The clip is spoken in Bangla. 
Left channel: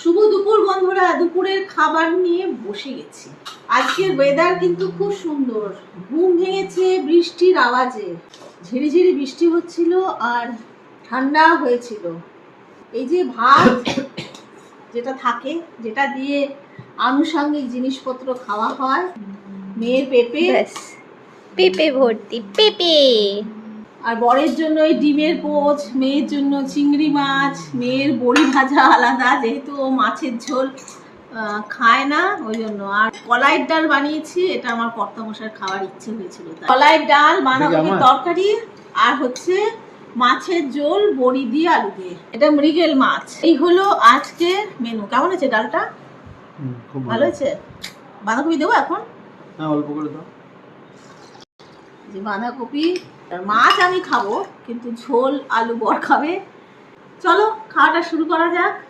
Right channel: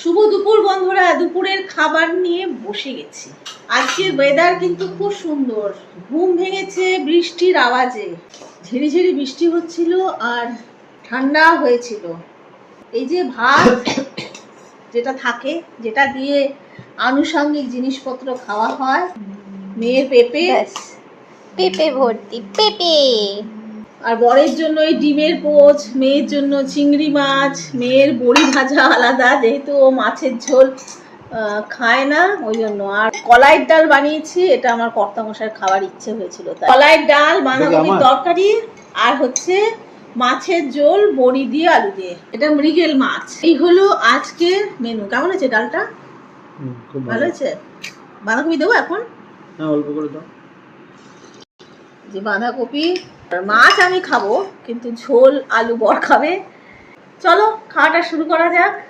শুভ দুপুর বন্ধুরা, দুপুরের খাবার নিয়ে বসে গেছি। আজকে ওয়েদার কিন্তু খুব সুন্দর, ঘুম ভেঙেছে বৃষ্টির আওয়াজে। ঝিরিঝিরি বৃষ্টি হচ্ছিল আর ঠান্ডা হয়েছিল। এই যে ভাত যেটা থাকে, যেটা দিয়ে আনুষঙ্গিক জিনিসপত্র খাওয়া হয়, মেয়ের পেঁপে পেঁপে ভর্তি পেঁপে, আর বরের জন্য ওই ডিমের পোচ, মেয়ের জন্য চিংড়ি মাছ, মেয়ের বড়ি ভাজা আলাদা, যেহেতু ও মাছের ঝোল খায় না ওই জন্য। আর কলাইয়ের ডাল বানিয়েছি, এটা আমার কর্তামশাইয়ের খাওয়ার ইচ্ছে হয়েছিল, তাই কলাইয়ের ডাল, বাঁধাকপির তরকারি, আর হচ্ছে মাছের ঝোল বড়ি দিয়ে আলু দিয়ে, এটা মৃগেল মাছ। এই হলো আজকের মেনু। কেমন আছে ডালটা? খুব ভালো হয়েছে। বাঁধাকপি দেবো এখন? হ্যাঁ, অল্প করে দাও। যে বাঁধাকপি, মাছ আমি খাবো কিন্তু ঝোল আলু বর খাবে। চলো খাওয়াটা শুরু করা যাক।